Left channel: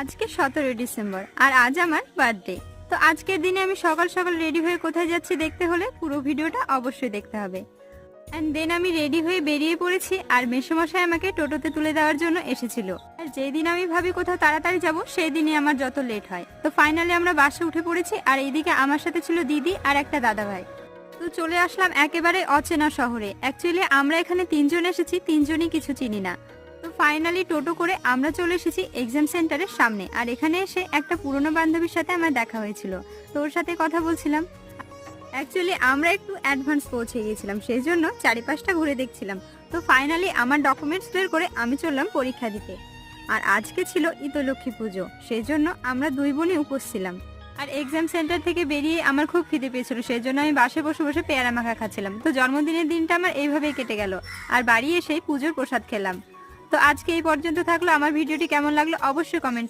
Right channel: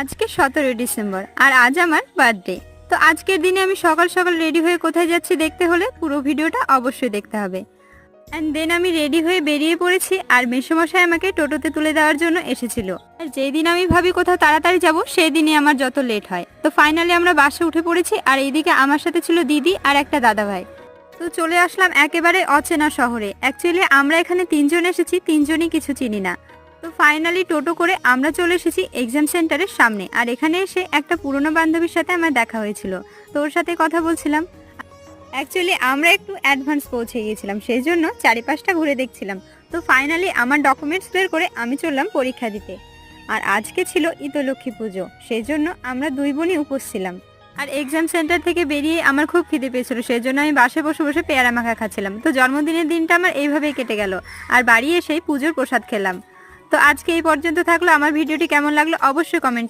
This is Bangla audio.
আজকে সতেরোই ডিসেম্বর, আর আজ আমার বার্থডে তো আজকের দিনে আমি সকাল সকাল রেডি হয়ে কোথায় যাচ্ছি দেখতে হলে পুরো ভিডিওটা অবশ্যই দেখতে হবে। অ্যান্ড দেন আমি রেডি হয়ে বেরিয়ে পড়েছি, আর মেসোমশাই আমাকে টোটোতে তুলে দেওয়ার জন্য এসেছিল। আর যেই দিন আমি ভাবি কোথাও তাড়াতাড়ি যাব সেই দিনই আমার যত লেট হয়। তো ফাইনালি আমরা বাসে উঠে পড়েছি, আর এইদিকে আমার সাথে ছিল দিদি আর একটা দাদা ভাই তো চলে আসলাম একেবারে অচেনা শহরে। অ্যাকচুয়ালি আমরা এখানে তিনজন এসেছি, তিনজনই কিছু চিনি না। তো ফাইনালি টোটো করে আমরা চলে এসেছি এক্সাম সেন্টারের সামনে। আর এখানে এসে একটা পুরনো বান্ধবীর সাথে আমার দেখা হয়েছিল। তো ওর সাথে কথা বলছিলাম। অ্যাকচুয়ালি আমরা একটু অ্যাডভান্স পৌঁছে গিয়েছিলাম সেই জন্য চারিপাশটা ঘুরে দেখছিলাম। তো ফাইনালি আমার ডকুমেন্টস ক্লিয়ার করে আমি চললাম পরীক্ষা দিতে। আর আজকে ছিল ইতলক্ষ্মী পুজো সেই জন্য আমরা দুই বোনই উপোস ছিলাম। আর এক্সাম সেন্টার থেকে বেরিয়ে আমার খুব খিদে পেয়েছিল সেই জন্য আমি বাসে বসে বসে পেয়ারা মাখা খাচ্ছিলাম। তো জন্মদিনের দিনটা আমার এইভাবেই কেটে গেল। আর বাড়ি এসেই পুজোর প্রসাদ খেলাম। তো আজকে এই পর্যন্ত থাকল। আমার ভিডিওটি কেমন লাগল অবশ্যই কমেন্ট